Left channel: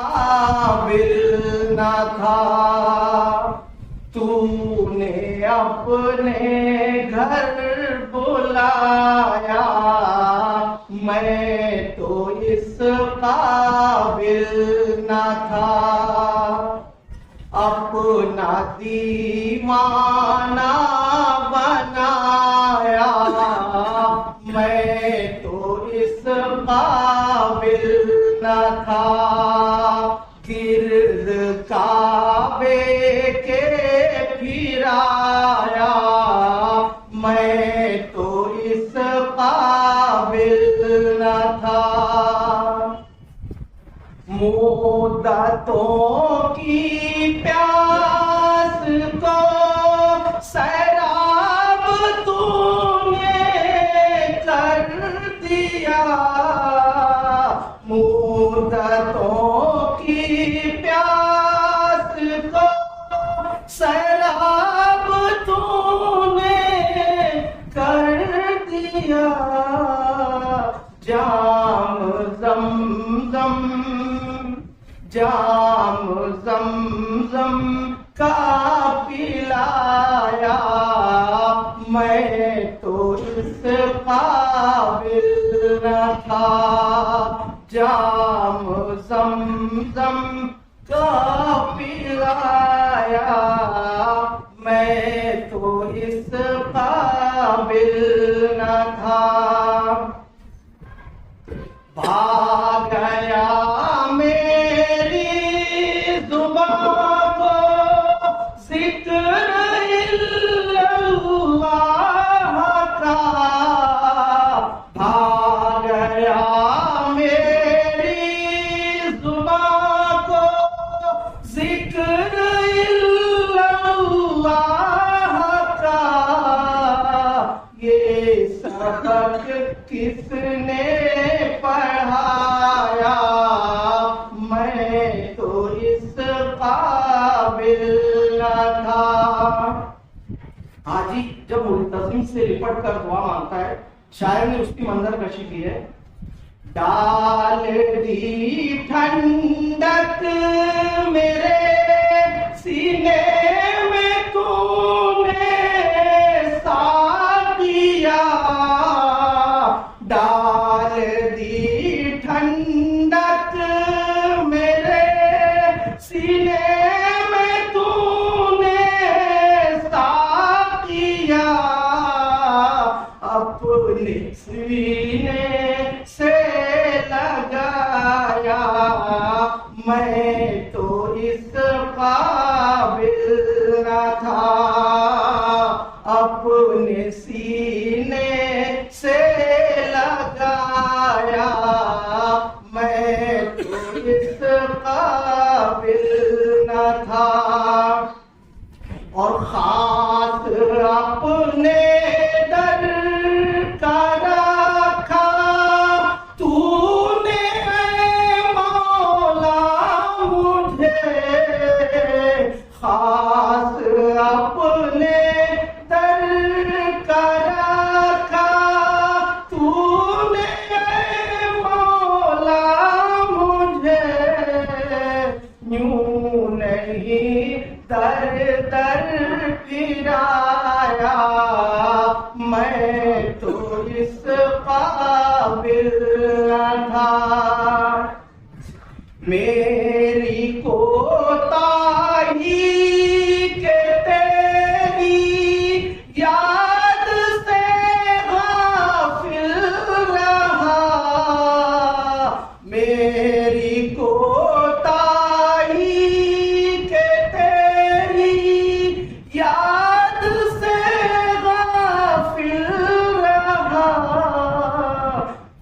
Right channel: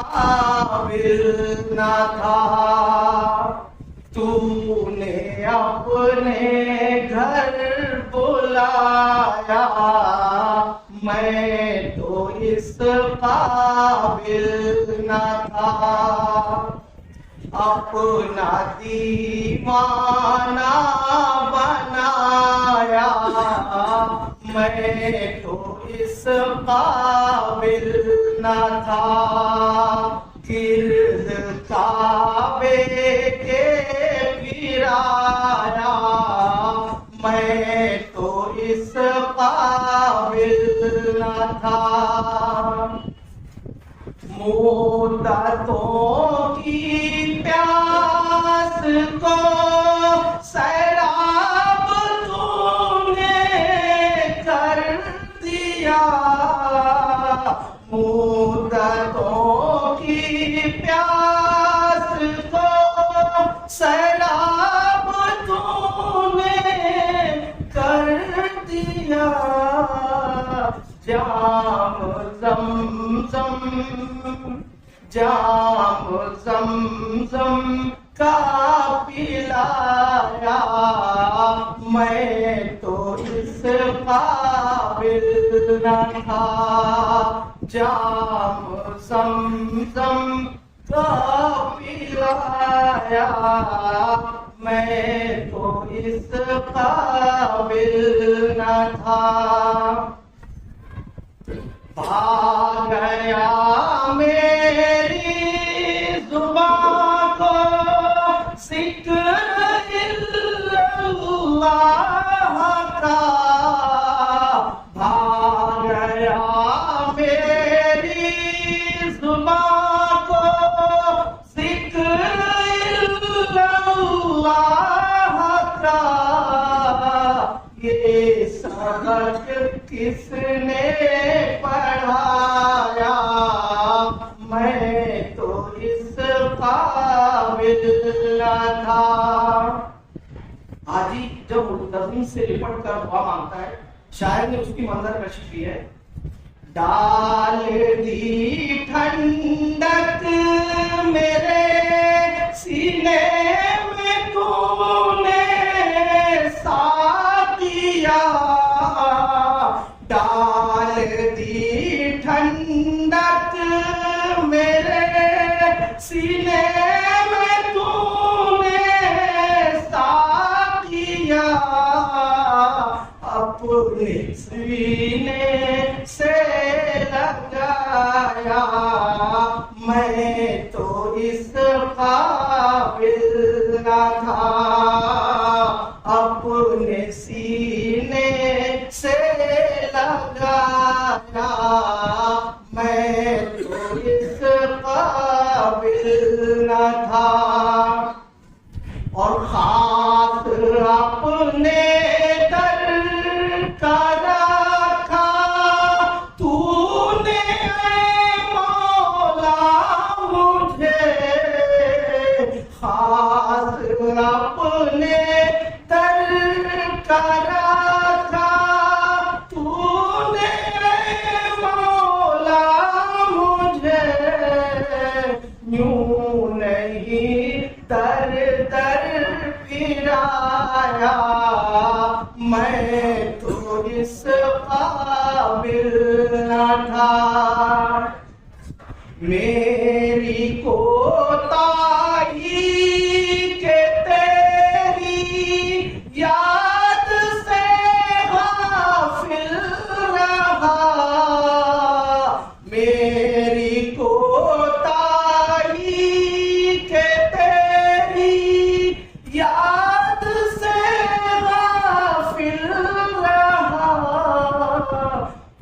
काबिल न था, तूने अपने घर बुलाया, मैं तो इस काबिल न था। अपना दीवाना बनाया, मैं तो इस काबिल न था। गिर्द काबे के फिराया, मैं तो इस काबिल न था। मुद्दतों की प्यास को सैराब तूने कर दिया, मुद्दतों की प्यास को सैराब तूने कर दिया। जाम ज़मज़म का पिलाया, मैं तो इस काबिल न था। जाम ज़मज़म का पिलाया, मैं तो इस काबिल न था। भाग गया मेरी जुबान को जिक्र इल्लल्लाह का, भाग गया मेरी जुबान को जिक्र इल्लल्लाह का। ये सबक किसने पढ़ाया, मैं तो इस काबिल न था। हाजी जब मुल्तज़िम से लिपट कर दुआ मांगता है, शायर ने उसकी मंजर कशी की है। डाल दी ठंडक मेरे सीने में तूने साकिया, डाल दी ठंडक मेरे सीने में तूने साकिया। अपने सीने से लगाया, मैं तो इस काबिल न था। अपने सीने से लगाया, मैं तो इस काबिल न था। और खास अपने दर का रखा तूने मौला मुझे, खास अपने दर का रखा तूने मौला मुझे। यूं नहीं दर दर फिराया, मैं तो इस काबिल न था। मेरी कोताही के तेरी याद से गाफिल रहा, मेरी कोताही के तेरी याद से गाफिल रहा।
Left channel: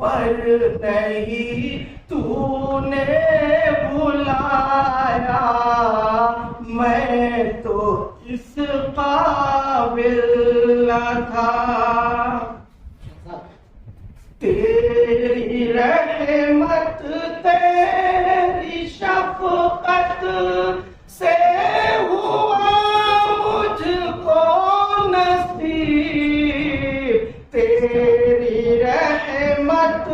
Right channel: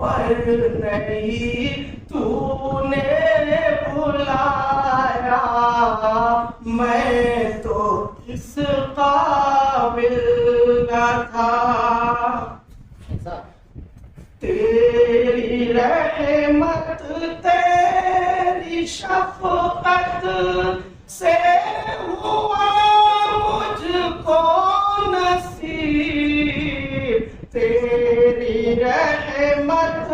पर नहीं तूने बुलाया, मैं तो इस काबिल न था। तेरी रहमत तेरी शफकत से हुआ मुझको नसीब, तेरी रहमत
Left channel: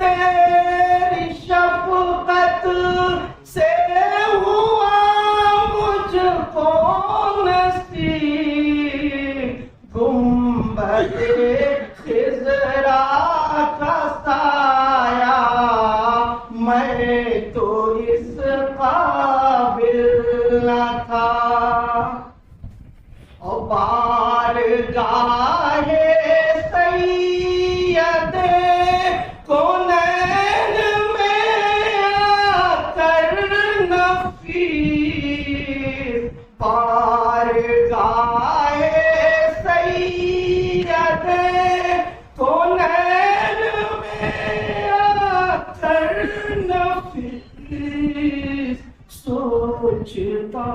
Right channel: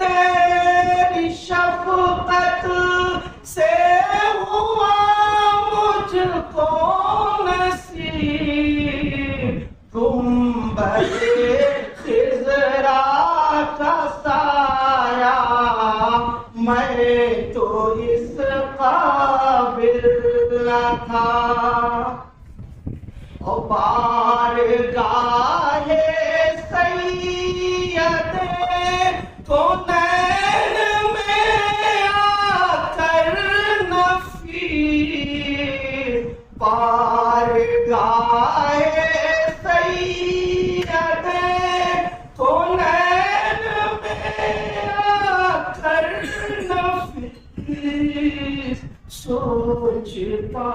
तेरी शफकत से तो इस काबिल न था। और बारगाहे सैयदे कौनैन में आकर नफीस, बारगाहे सैयदे कौनैन में आकर नफीस, सोचता